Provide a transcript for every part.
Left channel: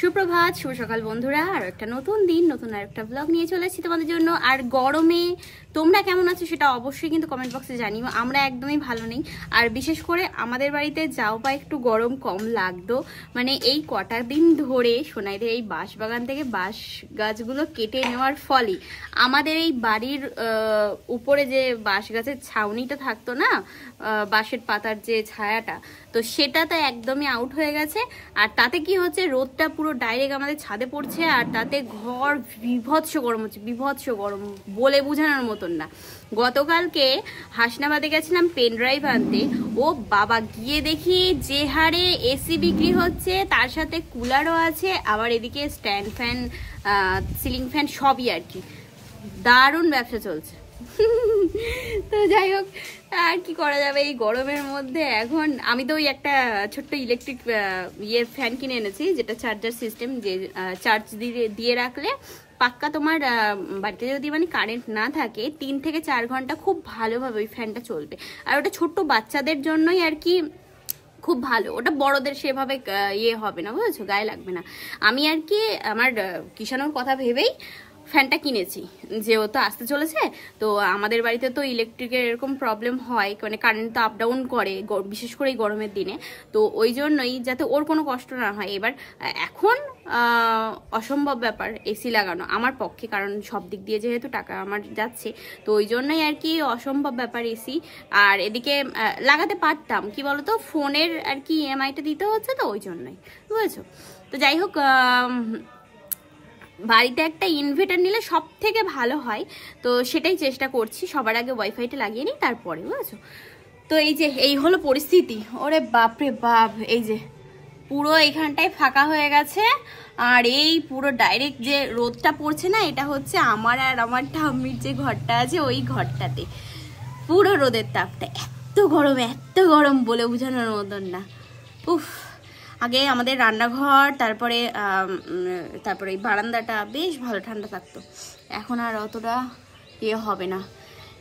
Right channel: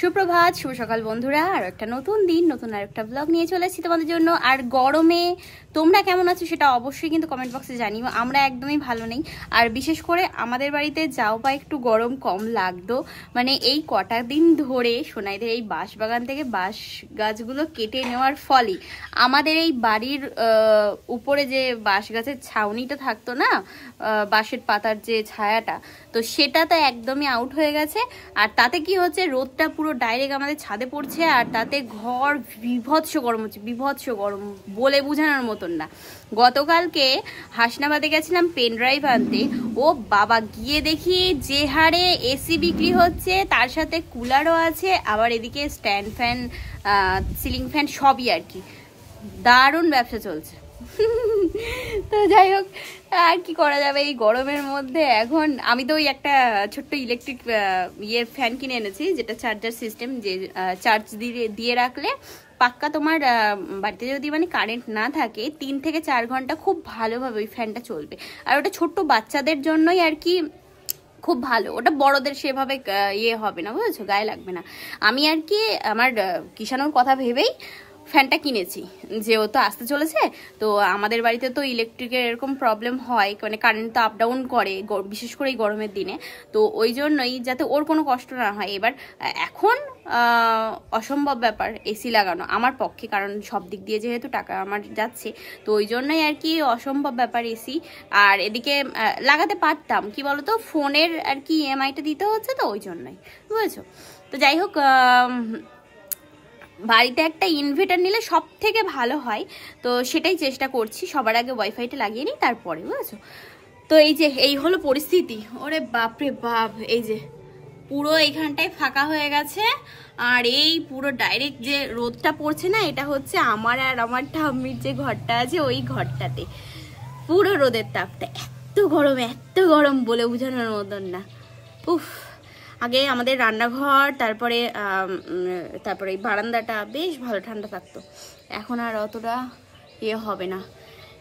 সুপ্রভাত, শুভ সকাল বন্ধুরা। আর একটা নতুন দিন, নতুন আর একটা ব্লগ নিয়ে চলে এসেছি তোমাদের জন্য। আর গরমে তোমরা কেমন আছো সেটা অবশ্যই কিন্তু কমেন্ট বক্সে জানিও। আমরা একদমই ভালো নেই। আর বিশেষ করে আমাদের বাড়িতে যাও বা একটু গরম কম লাগতো, মানে এই কটা দিন ধরে সোনাইদের এই বাঁশ বাগান থেকে বাঁশ গাছগুলো কেটে নেওয়ার ফলে আমাদের এই বাড়ির উপরে যে বাঁশ গাছের ছাউনিটা থাকতো না, বাঁশের পাতার যে ছায়াটা, তো সেটা তো একদমই আউট হয়ে গেছে। আর তাতে কি হচ্ছে, রোদটা পুরো ডাইরেক্ট আমাদের ছাদে পড়ছে, আর তাতে ঘর বিভৎস গরম হচ্ছে, বিভৎস গরম বলে বোঝানোর মতন না। গতকালকে হাসনাবাদে গেছিলাম পেন ড্রাইভ আনতে, ও বাবা গিয়ে দেখি যে হারে এসি বিক্রি হচ্ছে, তার সাথে কুলারও আছে, আবার এদিকে স্ট্যান্ড ফ্যান, সিলিং ফ্যান সবই আর কি। দারুণ ব্যবসা চলছে। তো যাই হোক, আর কি করা যাবে এই গরমের মধ্যে। এখন আমি তো ওই একটা ছোট্ট ইলেকট্রিক ফ্যান কিনে এনেছি, যেটা চার্জার সিস্টেম, যে চার্জ দিয়ে রাখলে পাক্কা তোমার বাড়িতে যদি মানে কারেন্ট না থাকে 3 থেকে 4 ঘন্টা খুব ভালোভাবে ওই ফ্যানটা চলবে। আর ওটা ছোট্ট বাচ্চাদের জন্যই আর কি খুব ভালো, ওটা বড়দের সেভাবে হবে না, বুঝেছো, গায়ে লাগবে না। আমি আর কি আমার কিষানোর কথা ভেবেই ফ্যানটা কিনেছি, যে ও তো আসতে চলেছে। তো আমাদের বাড়িতে তো ইলেকট্রিকের এরকম প্রবলেম হয়, মানে কারেন্ট তো আপ ডাউন করে, বিশেষ করে এই গরমের দিনে। তো ওই জন্যই যাতে ওর কোনো কষ্ট না হয়। এবার এখন অসম্ভব ব্যাপার এসি লাগানো আমার পক্ষে, কারণ সব দিক দিয়ে যেহেতু টাকা আমার যাচ্ছে, তো ওই জন্যই আর কি অসম্ভব ব্যাপার এসি। আর এদিকে লাগাতে পারতাম, কি বলতো, ফোনের আর কি ইএমআইটা দিতে হচ্ছে, তো ওই জন্যই, বুঝেছো। তো যাই হোক, বাড়িতে একটা ইনভার্টার নিলে সব থেকে ভালো হয়, তো সেটাই চেষ্টা করছি। সবার আগে ওয়াইফাইটা লাগিয়ে নিই, তারপরে, বুঝেছো। তো এই যে এই হলো পরিস্থিতি। ওরে বাপরে বাপ, এই যে পুরো এইখানটায় ফাঁকা হয়ে গেছে, আর এই পুরো ডাইরেক্ট যে রোদটা পড়ছে না, এটা হচ্ছে আমার আর আমার ঠাম্মির যে ঘরটা আছে ওই ঘরটাতে পুরো রোদের তাপটা। এত গরম বলে বোঝানোর মতন না। উফ, আগে আমাদের রান্নাঘর, তারপরে এই বারান্দাটা বেশ ভালো ঠান্ডা থাকতো, এখন আর অতটা হবে না।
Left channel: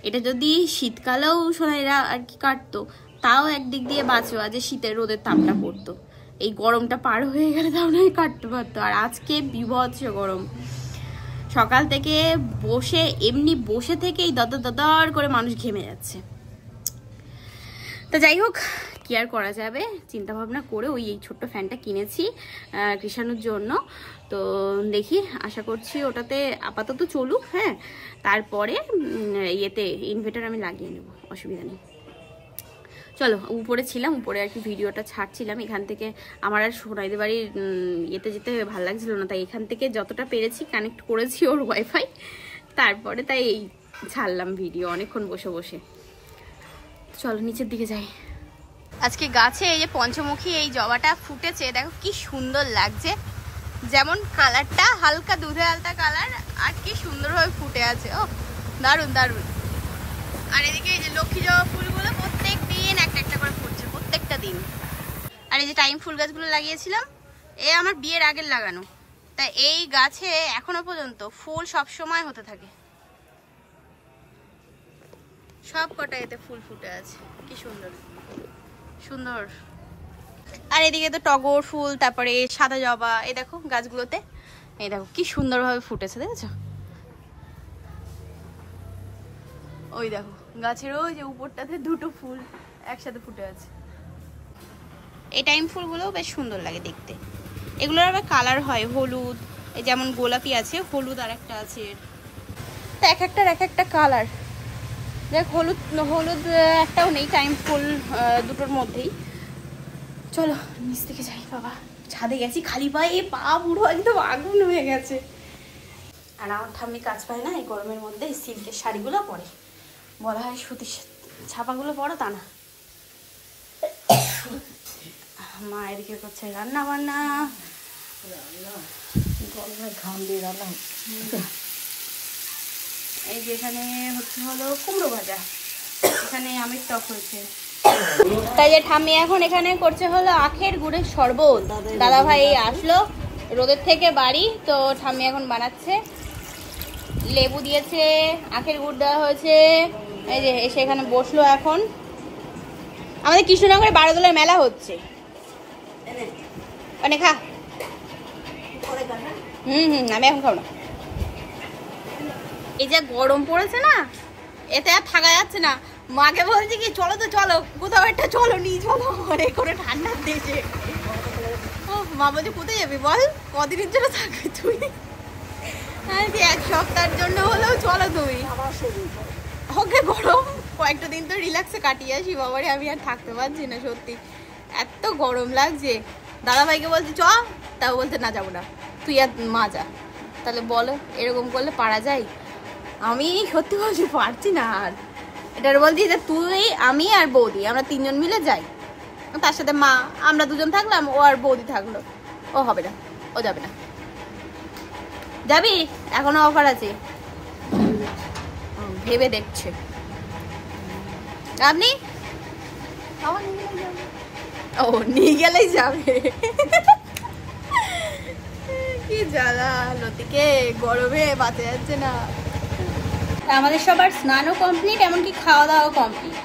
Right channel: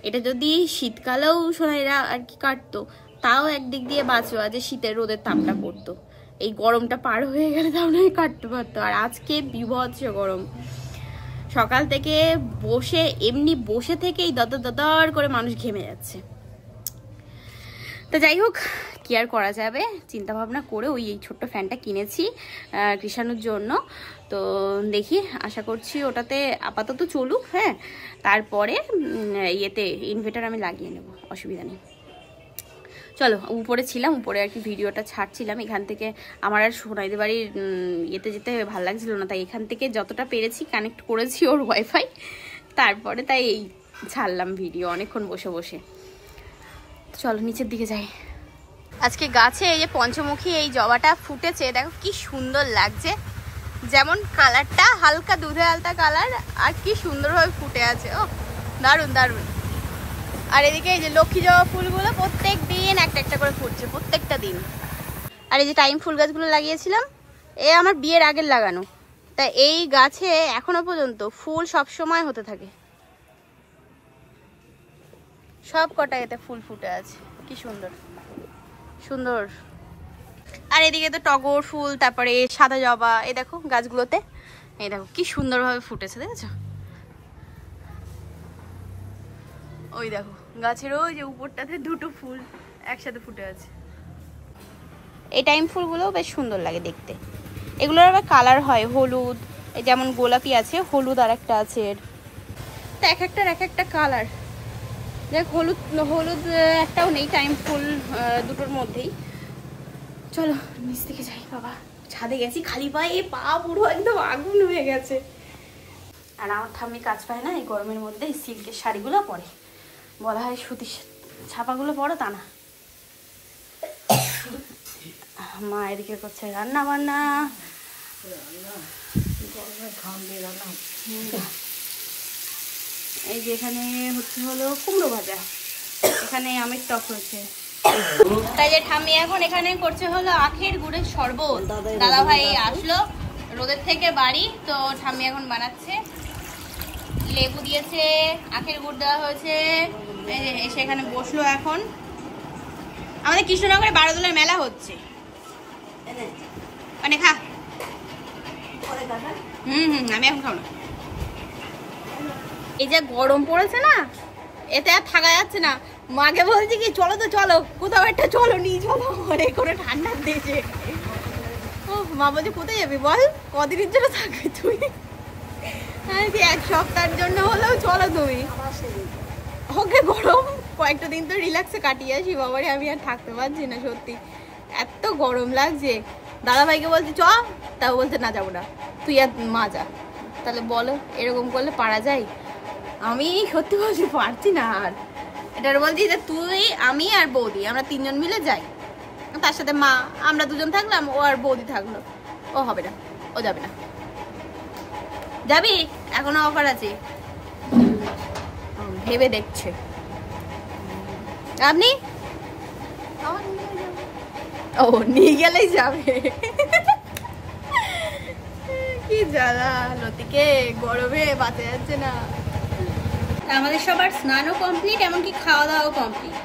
এটা যদি শীতকালেও সোনাইরা আর কি কাটতো, তাও একদিক দিয়ে বাঁচো, আজ শীতের রোদের তাপটা পড়তো, এই গরমটা পার হয়ে গেলে তাও নয় কাটতে পারতো। আর আজকে বিভৎস গরম, সকাল থেকে বসে থেকেই দদর করে মানুষ ঘেমে যাচ্ছে। তো যাই হোক, কি আর করা যাবে, চিন্তা ভাবনা করে ওই ছোট্ট ফ্যানটা কিনেছি কৃষাণুর জন্য। তো দেখি, আশা করছি ওটাতে আপাতত চলুক, হ্যাঁ, তারপরে ইনভার্টার আমি লাগিয়ে নেব, অসুবিধা নেই। চলো, উপরে ছিলাম, উপরে আর কি ভিডিওটা ছাড়ছিলাম। এখান থেকে আমার আর সোনাইদের বাড়ির যেতে ভালো লাগছিল না, তাই এখান থেকে যতটা পেরেছি কানেক্ট করেছি ওর ওয়াইফাই, তারপরে তাই এই ছাড়লাম ভিডিও অনেকক্ষণ বসে বসে। চলো নিচের দিকে যাই। আজকে গাছে এই যে পঞ্চমুখী এই জবাটা ফুটেছে, দেখো কি সুন্দর লাগছে, যেমন কালারটা হালকা দুধে আলতা কালার, আর কি সুন্দরভাবে ফুটে আছে। ও দারুণ দারুণ। আর এদিকে এই যে লক্ষ্মী জবা ফুলগুলো প্রত্যেক দিন একটা একটা করে ফুটছে, প্রত্যেকটা দিন। আর এই যে টাইম ফুল গাছগুলো লাগিয়েছিলাম, এ আমার বিয়ের আগের লাগানো, তা এই গাছে এখনো পর্যন্ত ফুল সব সময় হতে থাকে, সব কটা এতে ফুল ফুটে আছে, কি সুন্দর সুন্দর। আর এদিকে তো টগর ফুল, তারপরে সাদা জবা, এই দেখো গাছগুলোতে, এই দেখো কি সুন্দরভাবে ফুটেছে, দেখেছো। ওই দেখো গাছের ওই যে উপরটাতে দুটো ফুল একসাথে ফুটে আছে। এই টাইম ফুলগুলোও বেশ সুন্দর লাগে দেখতে। এগুলোর আবার কালার হয় হলুদ, এই যেমন গোলাপি আছে, হলুদ আর একটা আছে, এর তো এক একটা কালার। দেখ হলুদ একটাও নেই টাইম ফুল দুটোর মধ্যেই। চলো নিচ থেকে যাই। বাবা ছাদে গেছি খালি পায়ে, পা পুরো একদম আগুন হয়ে গেছে। আর আমার ঠাম্মি কাজ পায় না এই গরমের মধ্যে, সিল্কের শাড়িগুলো পরে, বলা হয় সুতি ছাপাগুলো পরো, তা না। মা এদিকে করছে রান্না বান্না, এই যে এখানে হলো কুমড়ো ভাজা, এখানে আমের টক হয়েছে, তাই যে ঠাম্মি এখন এখানে করছে হলো আখের গুড়ের শরবত। দাদা ভাই আসলো রোদের থেকে বাড়ি, তো ঠাম্মি এখন বানাচ্ছে, লেবু দিয়েছে, আখের গুড় দেওয়া হয়েছে। এই যে এসে এখানে বসলো। এখন আমাদের কৃষ্ণনগরে বারোদোলার মেলা হচ্ছে, মানে খা আমি এখন খাবো না। এই যে গরম পড়েছে না, এতে আর থাকা যাচ্ছে না। মাঝে বলছি কি চলো তো চলো, কোথাও একটা চলো, নিয়ে চলো ঘরে করে ঠান্ডার দেশে। ও মা বলছে কোথায় যাবি বল, কদিনের জন্য থাকবে তুই? হ্যাঁ কি 1 সপ্তাহের জন্য হলেও চলো তুমি। ওকে গরম কয়েকটা দিন তো রিল্যাক্সে কাটিয়ে আসি বাবারে, আমি আর থাকতে পারছি না সত্যি, এত গরম লাগছে। দাদা ভাইকে বলছি চ, তাও বলছে না যাবো না, তুই আর মা যা। তাহলে বলো এরকম করলে পারা যায়? আমি সত্যি বলছি পারছি না আর। এটার বলছি যে তুই আমি আর বৌদি আমরা 3 জন মিলে যাই, তার সাথে মা, আমরা 2 জন থাকলাম, ও আর বৌদি থাকলো। ও হবে না, ও যাবে না। যাবি? এখনো অফার আছে, ভেবে দেখছে। আপনি ও নিয়ে গেলেই যাবে। কি জ্বালা লতিকে, গরমে বাঁচা যাচ্ছে না। আমাদের সবার স্নানও কমপ্লিট, এমনকি খাওয়া দাওয়াও কমপ্লিট।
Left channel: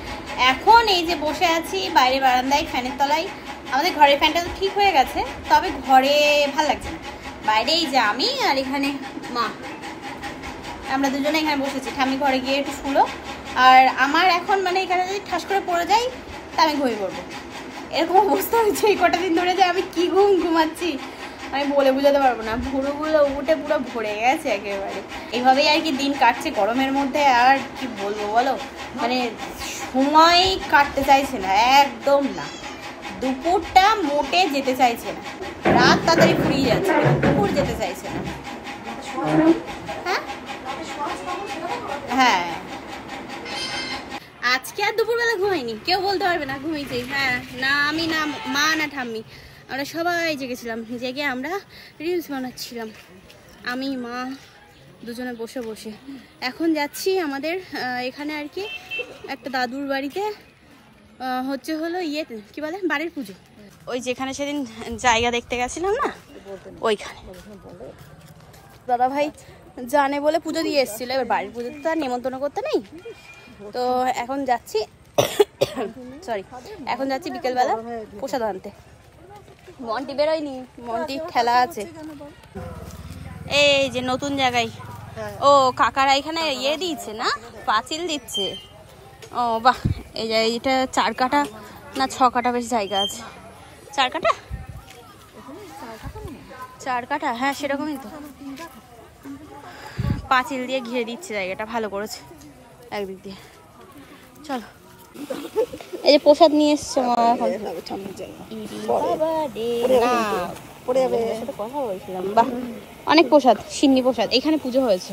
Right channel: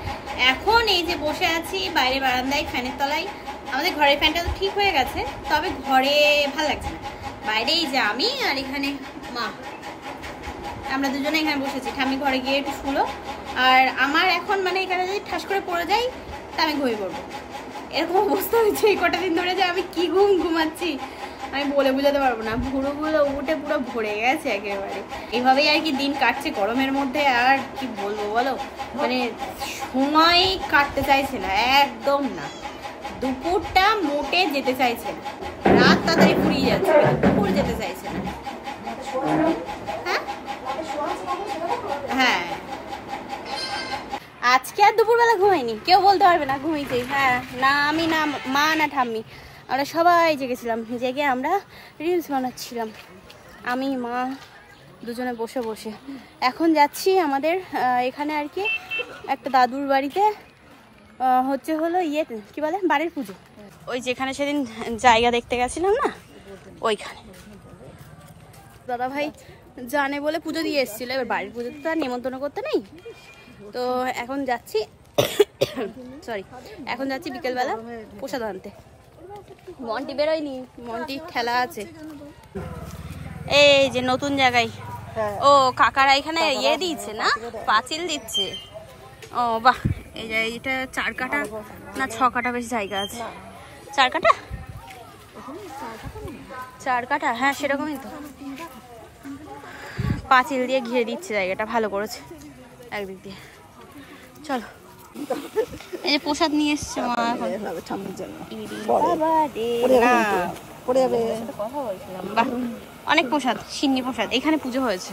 এখন এই যে বসে আছি বাইরে বারান্দায় ফ্যানের তলায়। আমাদের ঘরের ফ্যানটা তো ঠিক হয়ে গেছে, তবে ঘরে ভাল লাগছে না। বাইরে এই যে আমি আর এখানে মা, আমরা দুজনে এখানে বসেছি। ঠাম্মি ঘরে গিয়ে একটু শুলো। আর আমার এখন মানে এখানে যদি ঠাস করে পড়ে যাই তা আমি ঘুমিয়ে পড়বো, এরকম অবস্থা হয়েছে এই কটা দিন ধরে যে আমি কি ঘুমাচ্ছি আমি বলে বুঝাতে পারবো না। ভুরুগুলো উঠে পুরো ভরে গেছে একেবারে। এইভাবেই আর কি দিন কাটছে গরমের মধ্যে। আর কি বলবো বলো, মানে সময় কাটতে চাইছে না, একদম না। দুপুরটা মোটে যেতে চাইছে না, রাত তাড়াতাড়ি ফুরিয়ে যাচ্ছে, দুপুর যেতে চাইছে না। হ্যাঁ হ্যাঁ, আজকে আর দুপুরবেলা ঘুমাইনি, কেউ বলতে পারবে না ঘুমিয়েছি। হ্যাঁ না আমি না মা না ঠাম্মি, আমরা সবাই জেগেছিলাম। জেগে আমরা রিলস বানাচ্ছিলাম, আমি মা দুজনে বসে বসে। এখন যাচ্ছি আমাদের এখানে আর কি একটা দাদুর বাড়িতে, হচ্ছে হলো ইয়ে কি বলে বাড়ির পুজো। ওই যেখানে সেদিন জায়গা দেখতে গেছিলাম না, ওইখানে দাদা ভাই জানে বলে পুজো দিয়ে এসেছিল। এবার বাড়ির পুজোতে তো আর নেমন্তন্ন করতে নেই, তো এখন যাচ্ছি সরি এখন যাচ্ছি বিকেলবেলা প্রসাদ আনতে। মন্টি বেরোয়নি, মন্টি ঠেলা আছে। এই যে নতুন জায়গায়, ও কাকারা এখানে ইয়ে দিচ্ছে না, পাঁচিল দিচ্ছে। ও বাহ, এই যে এইটা 4 কাঠা না 6 কাঠা বেশ জায়গা আছে। 4 কাঠা 4 কাঠা, হ্যাঁ সেরকমই তো। পাঁচিল দিয়ে ঘিরে দিচ্ছে জায়গাটা, ভালো করেছে একদিক দিয়ে। চলো, এই যে প্রসাদ নিয়ে এসছে মা। এখন কথা বলছিলাম, বাহ অনেক প্রসাদ, সিন্নি প্রসাদ। এখানে পুজো হয়েছে,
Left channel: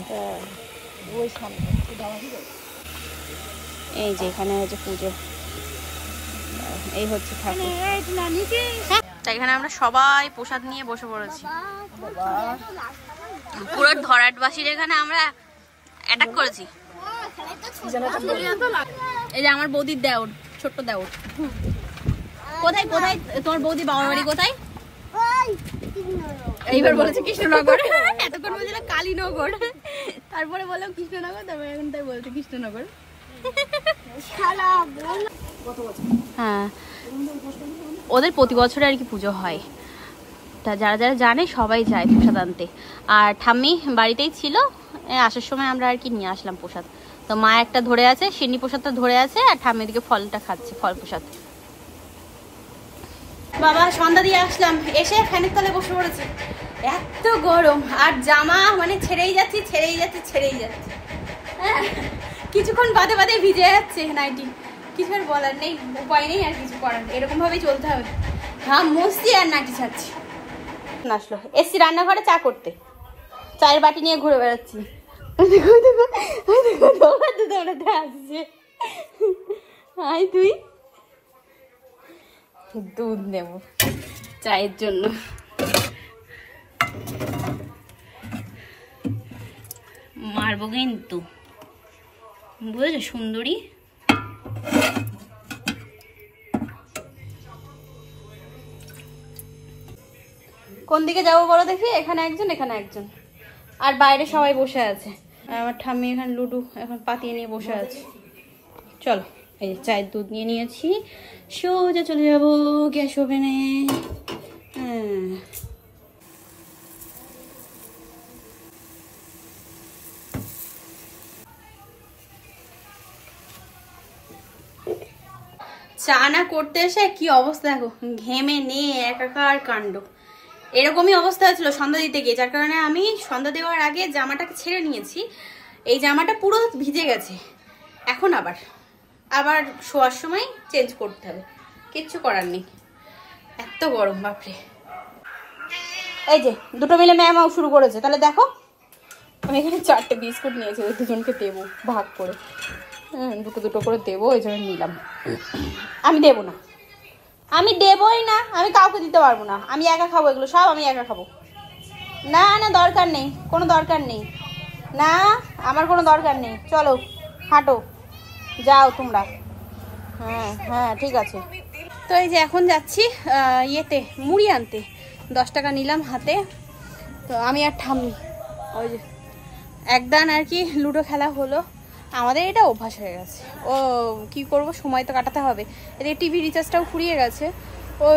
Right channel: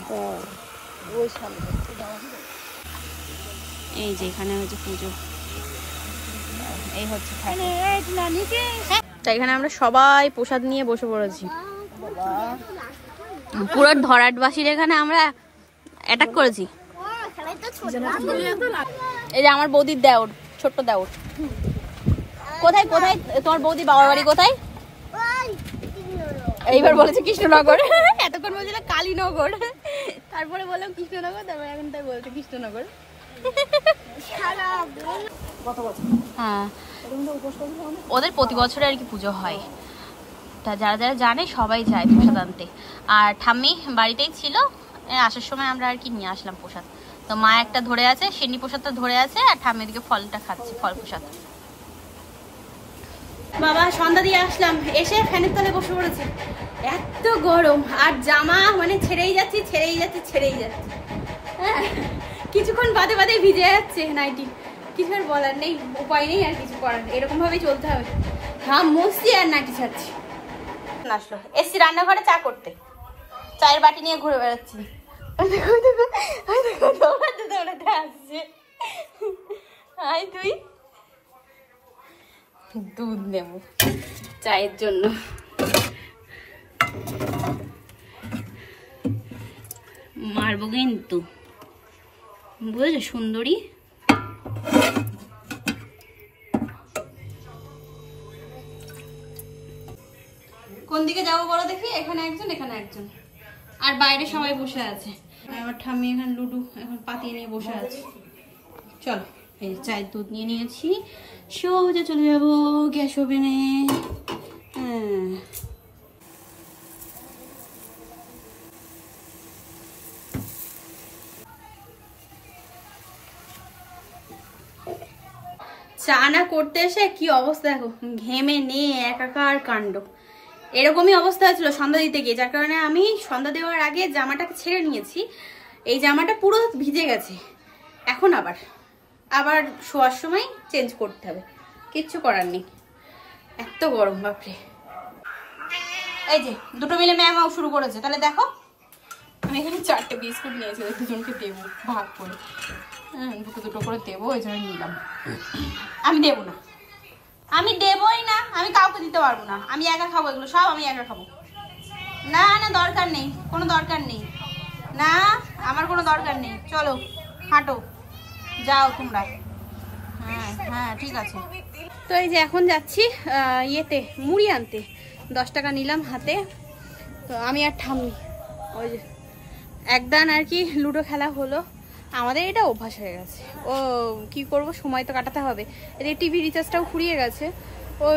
এই যে এখানে হয়েছে পুজো, এই হচ্ছে। এখানে আমরা সবাই প্রসাদ নিয়ে বসে পড়েছি, পুরো ধরাটবাসীর এখানে আমরা অ্যাটাক করেছি। এই যে আমার বৌদির দেওর, ছোট্ট দেওর। কোথায় কোথায় তোমার বৌদি বাবার বাড়ি কোথায়? এইবার বলেছে কৃষ্ণনগর, এতক্ষণ বলছিল কালীনগর, তারপরে বললাম কৃষ্ণনগর, তারপরে এখন তাই বলছে কৃষ্ণনগর। হ্যাঁ ওদের প্রতি বছরে আর কি পুজো হয়, তা যারা যারা জানে সবাই যায় প্রসাদ আনতে। আর ঠাম্মি বাড়িতেই ছিল, আসার সময় আমরা আর কি নিয়ে আসলাম প্রসাদ। তো মা একটা ধরে আছে, সিন্নি প্রসাদটা ধরে আছে, আর ঠাম্মি দিকে ফলটা খাচ্ছে, ফল প্রসাদ। বাবা সন্ধ্যা দিয়ে আসলাম, এসে ফ্যানের তলে বসে পড়েছি, এত গরম। আর জামা মানে ছেড়েই যাচ্ছি ছেড়েই যাচ্ছি ছেড়েই যাচ্ছি, হ্যাঁ কিছুক্ষণ বাদে বাদে ভিজে যাচ্ছে নাইটি। কিছু আর বলার নেই, উপায় নেই আর কিছু করার, এরকম ভাবেই চলতে হবে। ঘাম মুছছি আর নাইটি ছাড়ছি। আসলো এসছি রান্নাঘরে চা করতে, চায়ের বাটি নিয়ে ঘুরে বেড়াচ্ছি। তুই দুধ নেব চায়ের জন্য। মারবো কিন্তু, বুঝেছো সুন্দরী। কোন দিকে যাবো বলো দেখি? এখানে একজন, এখানে একজন, আর বাইরে সবাই বসে আছে। আমার ঠাম্মি এখানে লুডু এখন পাতিয়ে নিয়ে বসে আছে। চলো, এই চায়ের দুধ নিয়ে নিয়েছি, সোজা চলে যাবো গ্যাস ওভেনে। হ্যাঁ চানা করতে এসে কি অবস্থা দেখো, ঘেমে নিয়ে একাকার কাণ্ড। এরকমই অবস্থা ছিল সন্ধ্যা দিতে গিয়ে, যার কারণে আমি সন্ধ্যা দেওয়ার আগে জামাটাকে ছেড়ে নিয়েছি। এই জামাটা পুরো ভিজে গেছে, এখন আবার শোয়ার সময় চেঞ্জ করতে হবে, কিচ্ছু করার নেই, এত গরম বাপরে। এই যে দুটো মিলে ম্যামাও শুরু করেছে, তাহলে দেখো আমি এখানে 4টে বিস্কুট নিয়েছি, ওই দুজনকে দেবো ভাগ করে, দুটো করে দেবো, এই জন্য নিলাম। আমি দেবো না, আমি দেবই না, আমি কাউকে দিতে পারবো না, আমি একা খাবো, এগুলো সব আমি একা খাবো। না না দরকার নেই, কোনো দরকার নেই, না আমার কোনো দরকার নেই, চলো হাঁটো যাও তোমরা। হ্যাঁ হ্যাঁ ঠিক আছে। তো এই যে এখন যাচ্ছি ইয়েতে মুড়ি আনতে, 10 টাকা নিলাম হাতে। তো আমি আর ঠাম্মি ওই যে একদান আর কি লুডো খেলা হলো, আমাদের এটা অভ্যাস হয়ে গেছে। ও কি করব, সময় তো কাটাতে হবে। এদিকে টিভি রিচার্জটাও ফুরিয়ে গেছে, ও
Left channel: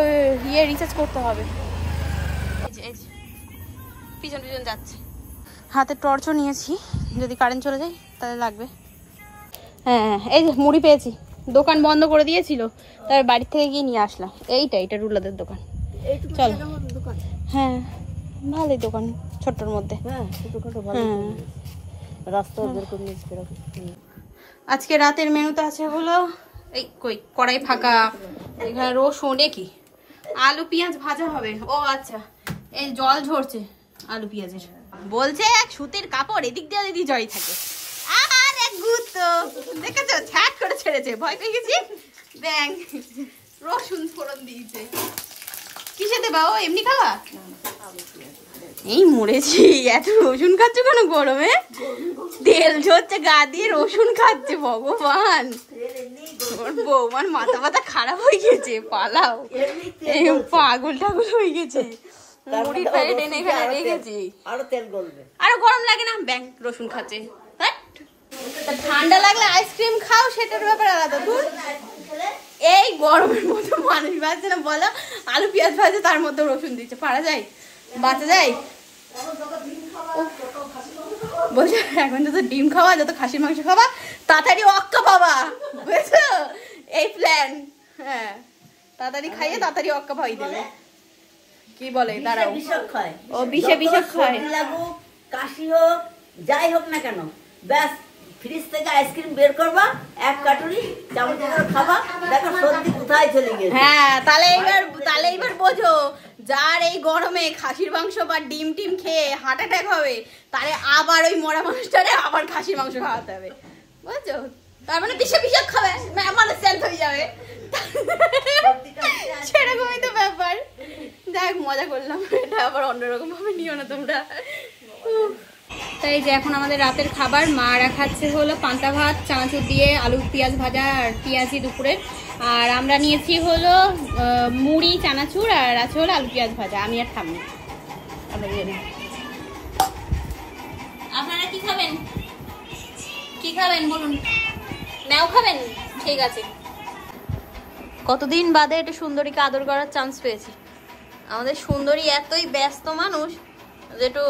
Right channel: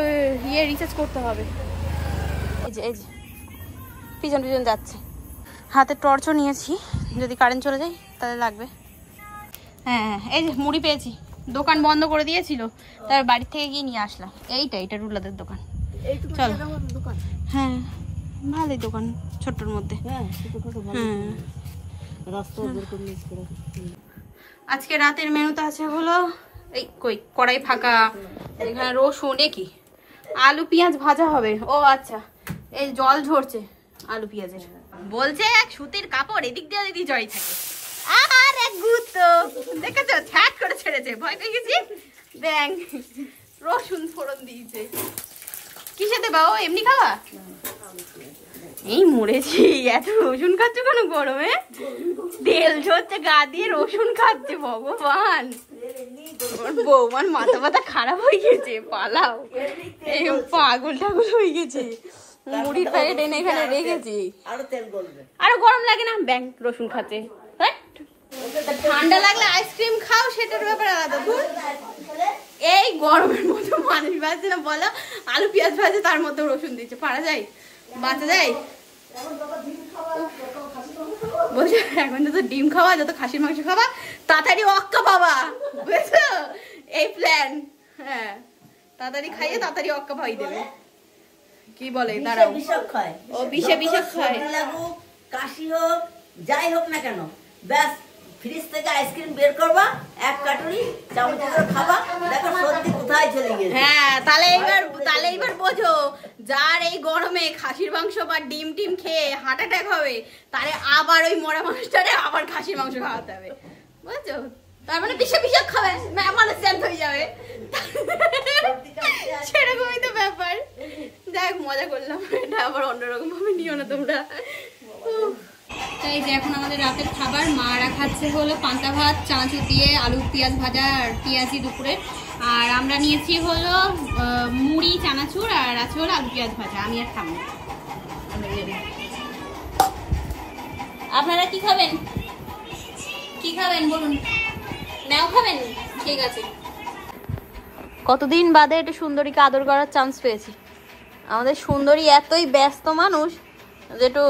রিচার্জ করতে হবে। এই যে পিছন পিছন যাচ্ছে, হাতে টর্চও নিয়েছি, যদি কারেন্ট চলে যায় তাহলে লাগবে। হ্যাঁ এই যে মুড়ি পেয়েছি, দোকান বন্ধ করে দিয়েছিল, তারপর বাড়ির থেকে গিয়ে নিয়ে আসলাম। এটা রুলাদের দোকান, চল। হ্যাঁ ভালোই দোকান, ছোট্টর মধ্যে। আজকে রাতের মেনুতে আছে হলো এই কড়াই ফাঁকা, এখানে রসুন, কি আলু পেঁয়াজ ভাজা হবে। ও আচ্ছা, এই জল ঝরছে আলু পেঁয়াজের, বলছে এক সুতির কাপড় এদিক দিয়ে দিদি জড়ি থাকে। আর এক গুতো দেখেছো, ছ্যাট করে ছেড়েছে, ভয় পেয়ে গেছি। ব্যাং রসুন ফোড়ন দিয়েছে, কিসে দেবা? ও এমনি খাওয়া? এই মরেছি, এত রসুন খাচ্ছে কেন গরমে? তেল ঝরছে গা দিয়ে, রসুন খাচ্ছে, ভগবান। ওর বৌমার মাথা মাথা খারাপ হয়ে গেছে, পালাও, পাগল টাগল হয়ে গেছে। মুড়ির প্যাকেট এনে এখানে রেখেছি, আরো গরম লাগে না? ব্যাং রসুন খাচ্ছে, ঠান্ডা লাগলে আইসক্রিম খাও, সেটার ব্যাপার আলাদা। দূর, এই গরমের মধ্যে মানুষ বাঁচছে না বলো? আলু পেঁয়াজ ভাজে, তার মধ্যে রসুন দিচ্ছে, পারা যায়? বাঁচা যায়? বলছে এখন যত ডিম খাওয়া, যত খাসির মাংস খাওয়া, তাড়াতাড়ি অক্কা পাবা, বুঝছো? এই প্ল্যান। হ্যাঁ, তাড়াতাড়ি খাইয়ে তাড়াতাড়ি অক্কা পাই দেবে। কি বলে দাঁড়াও, ও বিষে খায়, কাশি হোক যাই হোক না কেন, ব্যাস ফ্রিজ থেকে আইসক্রিম বের করবা, এক কাটুরি চামচ করে খাবা, দেখো সর্দি কোথায় চলে গেছে। হ্যাঁ, তাহলে এইবার বোঝো, যার এই গরমে খাসির মাংস বা ডিম টিম খেয়ে হার্ট অ্যাটাক হবে, তাহলে আবার ওই মরা মানুষটারে আবার খাসির মাংস খাওয়াতে হবে, বুঝছো? তার মানে বিষে খাবে, মানে সেন্ট হয়ে যাবে, সেরকমই তো ব্যাপার। যাই মজা করলাম, এটা আবার অন্যরকম ভাবে নিও না তোমরা। তাই যে এখন আমাদের রাতের খাবার, মারা খাচ্ছে হলো পান্তা ভাত চানাচুর দিয়ে, আলু পেঁয়াজ ভাজা আর পেঁয়াজি দুপুরের, আর আমরা নিয়েছি হলো মুড়ি চানাচুর, আর আছে হলো আলু পেঁয়াজ ভাজা। আমি আর খাবো, আপনারা কি খাবেন? কি খাবেন বলুন? নাও খাবেন? ঠিক আছে। কতদিন বাদে একটু সুন্দরীকে আদর করার চান্স পেয়েছি। আমাদের সুন্দরী এতই ব্যস্ত মানুষ যে একটু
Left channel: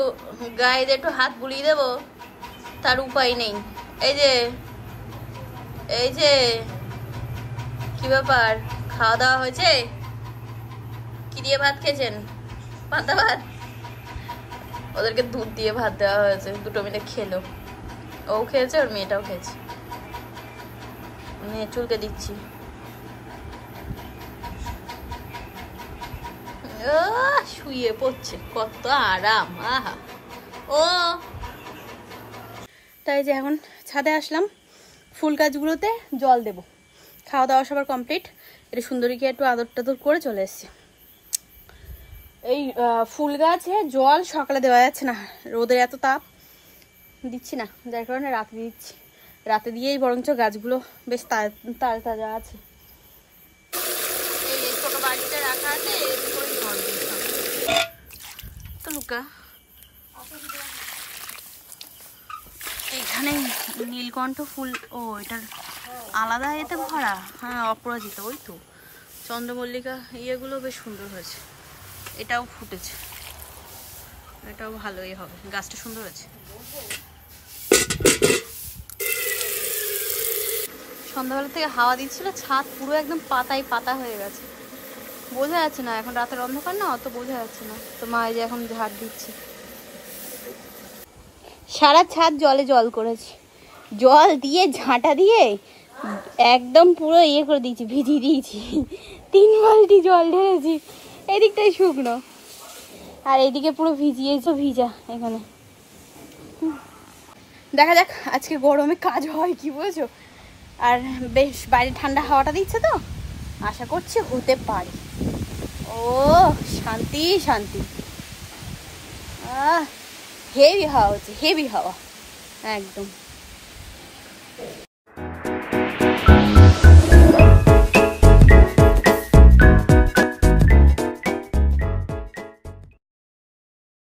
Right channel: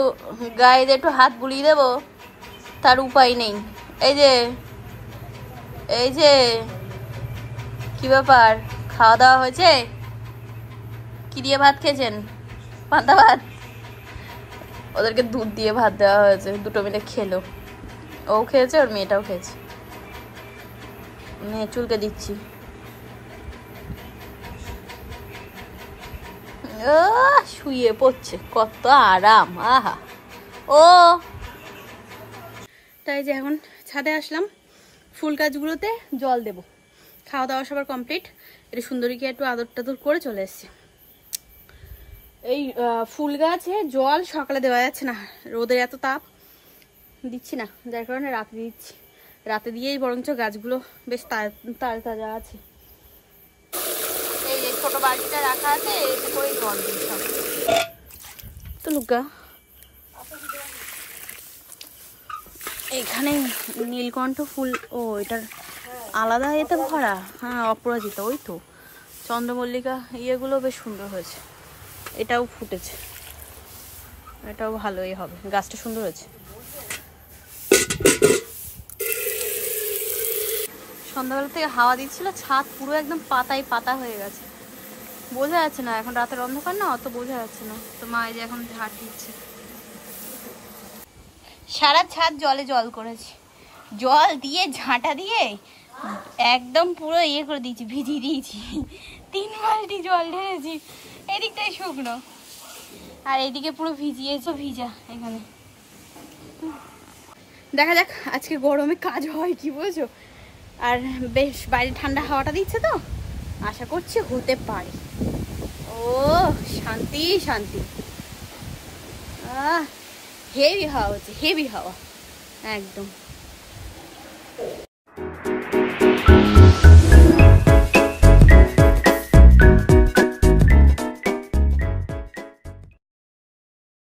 গায়ে যে একটু হাত বুলিয়ে দেবো তার উপায় নেই। এই যে কি ব্যাপার, খাওয়া দাওয়া হয়েছে? কি দিয়ে ভাত খেয়েছেন? পান্তা ভাত? ওদেরকে দুধ দিয়ে ভাত দেওয়া হয়েছে, দুটো মিলে খেলো, ও খেয়েছে, ওর মেয়েটাও খেয়েছে। মেয়ে চুলকে দিচ্ছি, শুয়ে পড়ছে, কত আরাম, আহা। ও তাই যে এখন ছাদে আসলাম, ফুল গাছগুলোতে জল দেব। খাওয়া দাওয়া সবার কমপ্লিট, এটা সুন্দরীকে একটু আদর টাদর করে চলে এসছে। এই ফুল গাছে জল সকালে দেওয়া যাচ্ছে না, রোদের এত তাপ, দিচ্ছি না, যার কারণে রাতে দিচ্ছি। রাতে দিয়েই বরঞ্চ গাছগুলো বেশ তাজা আছে। এই ছোট বাড়িটা রাখা আছে, এতে করেই জল দিচ্ছি তো। লুকা এইখানে নীলকণ্ঠ ফুল, ও এটার আলাদা এতে ভরা। হ্যাঁ, অপরাজিতা, ওই তো চন্দ্রমল্লিকা, ইয়েগুলো বেশ সুন্দর হয়েছে। এটাও ফুটেছে, এটাও ভালোই হবে, গাছটা সুন্দর হয়েছে। সন্ধ্যাবেলা থেকে হাওয়া দিচ্ছিল, ছাদ পুরো একদম পাতায় পাতা হয়ে গেছে, বোঝা যাচ্ছে না। এখন রাতের অন্ধকার না, অত বোঝা যাচ্ছে না। তো মা এই যে এখন ঝাড় দিচ্ছে। সারা ছাদ জলে জল করেছি, জল দিয়ে ঝাঁটা দিয়ে একদম পুরো ইয়ে করে দিয়েছি, ভিজিয়ে দিয়েছি। 3 বালতি জল ঢেলেছি। এদিকটাই শুকনো আর এইদিকে পুরো ভিজিয়েছো, ভিজা এখানে। দেখা যাক আজকে গরমে কাজ হয় কি, বুঝছো। আর বেশ বাইরে ঠান্ডা হাওয়াটা দিচ্ছে, তো আশা করছি হতে পারে। ও শান্তি শান্তি, হেভি হাওয়া হচ্ছে, হেভি হাওয়া একদম।